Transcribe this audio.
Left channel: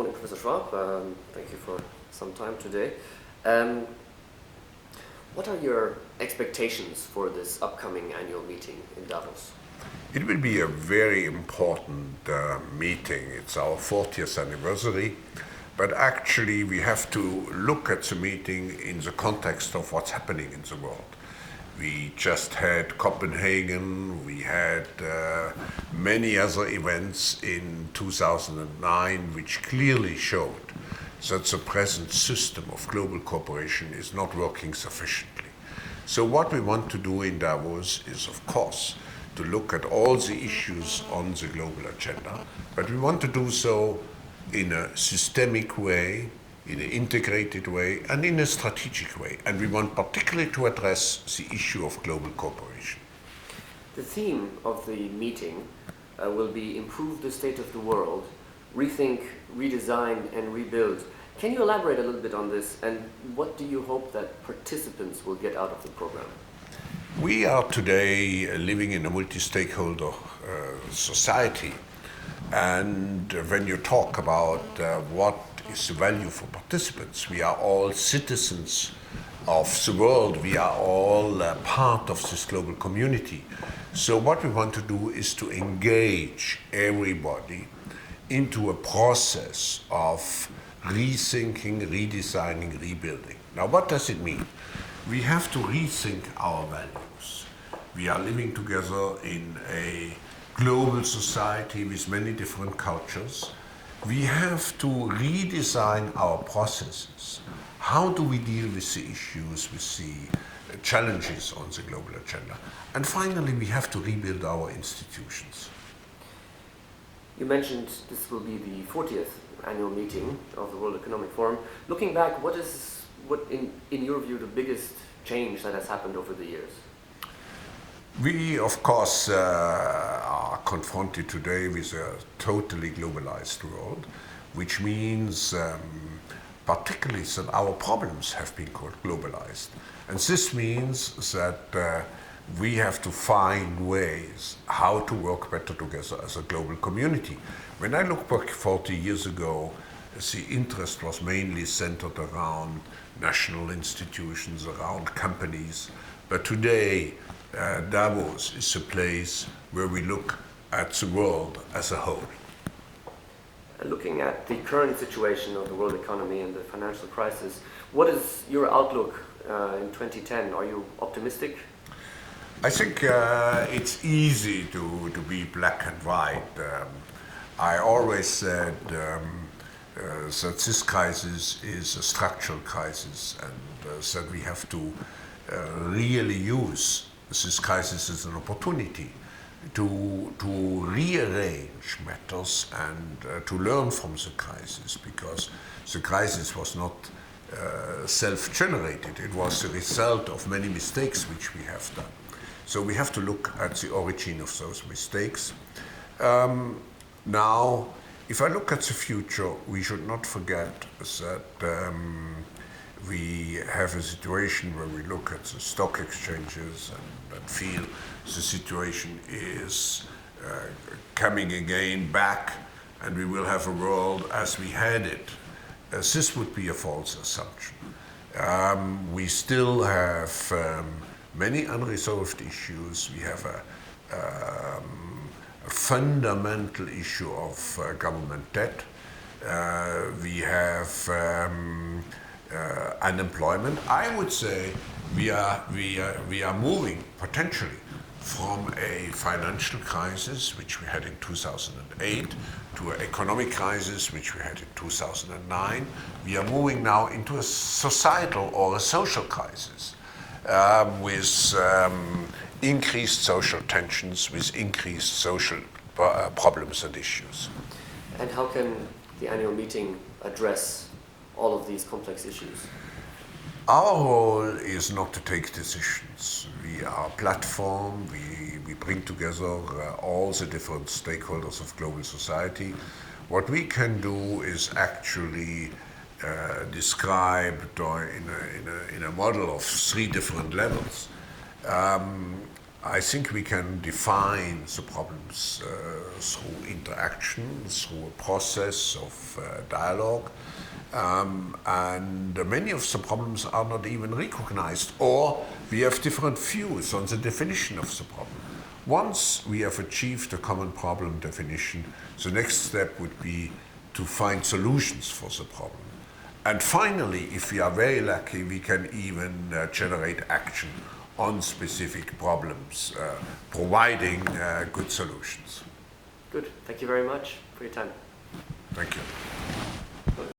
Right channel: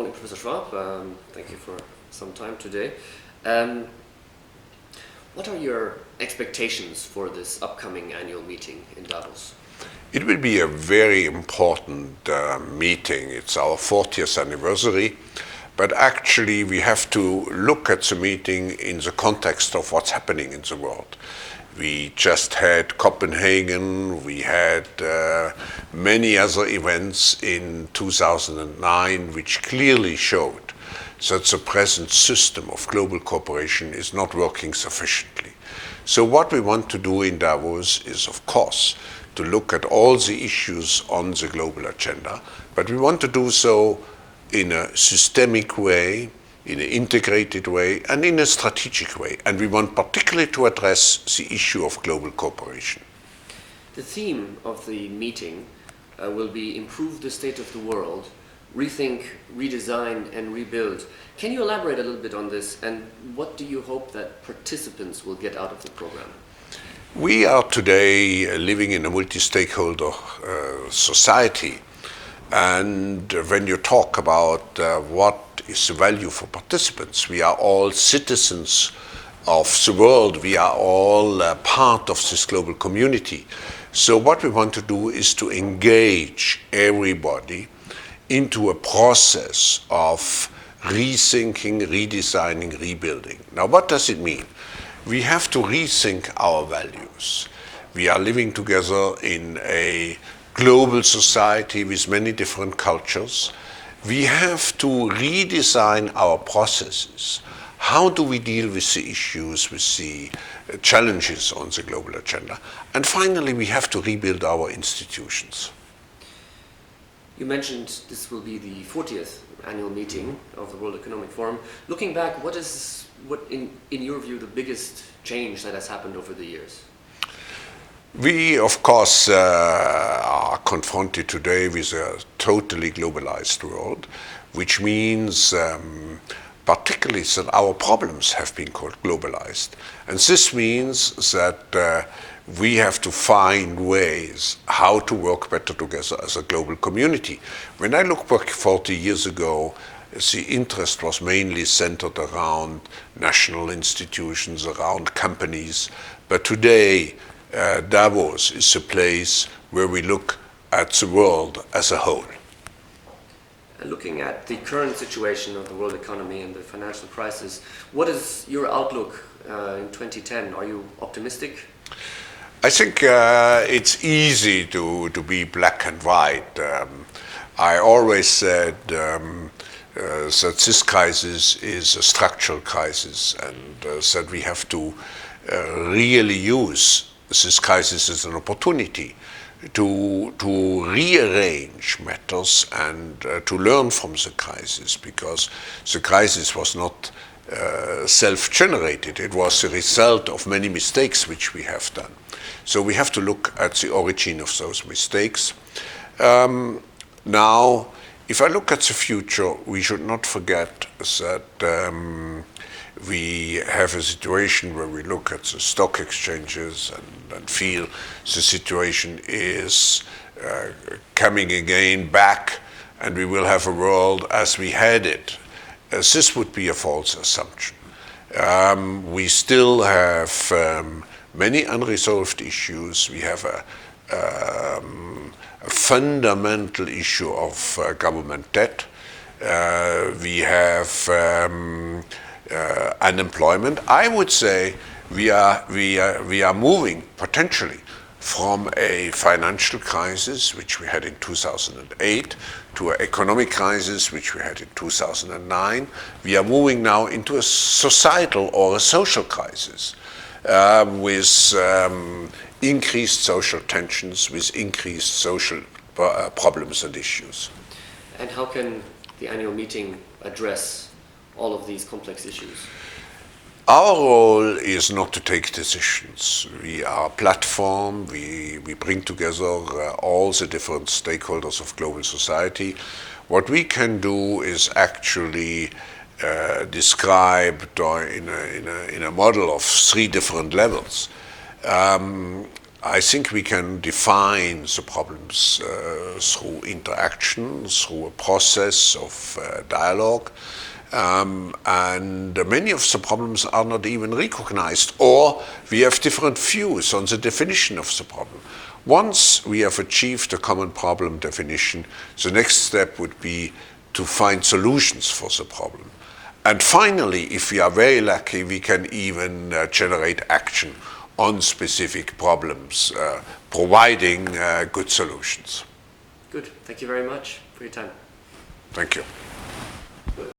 morning, Professor Schwab. Thank you for some time today. What are your expectations for this upcoming annual meeting in Davos? It will be a very important meeting. It's our 40th anniversary, but actually we have to look at the meeting in the context of what's happening in the world. We just had Copenhagen, we had many other events in 2009 which clearly showed that the present system of global cooperation is not working sufficiently. So what we want to do in Davos is, of course, to look at all the issues on the global agenda, but we want to do so in a systemic way, in an integrated way, and in a strategic way. And we want particularly to address the issue of global cooperation. The theme of the meeting will be Improve the State of the World, Rethink, Redesign, and Rebuild. Can you elaborate a little bit on this, and what do you hope that participants will get out of the program? We are today living in a multi-stakeholder society, and when you talk about what is the value for participants, we are all citizens of the world, we are all part of this global community. So what we want to do is to engage everybody into a process of rethinking, redesigning, rebuilding. Now, what does it mean? We have to rethink our values. We are living together in a global society with many different cultures. We have to redesign our processes. How do we deal with the issues, with the challenges on the global agenda? And finally, we have to rebuild our institutions. You mentioned this will be the 40th annual meeting of the World Economic Forum. Looking back, what is, in your view, the biggest change that has happened over the years? We, of course, are confronted today with a totally globalized world, which means particularly that our problems have been globalized. And this means that we have to find ways how to work better together as a global community. When I look back 40 years ago, the interest was mainly centered around national institutions, around companies. But today, Davos is a place where we look at the world as a whole. Looking at the current situation of the world economy and the financial crisis, what is your outlook in 2010? Are you optimistic? I think it's easy to be black and white. I always said that this crisis is a structural crisis, and that we have to really use this crisis as an opportunity to rearrange matters and to learn from the crisis, because the crisis was not self-generated. It was the result of many mistakes which we have done. So we have to look at the origin of those mistakes. Now, if I look at the future, we should not forget that we have a situation where we look at the stock exchanges and feel the situation is coming again back, and we will have a world as we had it. This would be a false assumption. We still have many unresolved issues. We have a fundamental issue of government debt. We have unemployment. I would say we are moving potentially from a financial crisis, which we had in 2008, to an economic crisis, which we had in 2009. We are moving now into a societal or a social crisis with increased social tensions, with increased social problems and issues. And how can the annual meeting address all of these complex issues? Our role is not to take decisions. We are a platform. We bring together all the different stakeholders of global society. What we can do is actually described in a model of three different levels. I think we can define the problems through interaction, through a process of dialogue, and many of the problems are not even recognized, or we have different views on the definition of the problem. Once we have achieved a common problem definition, the next step would be to find solutions for the problem. And finally, if we are very lucky, we can even generate action on specific problems, providing good solutions. Good. Thank you very much for your time. Thank you. Good.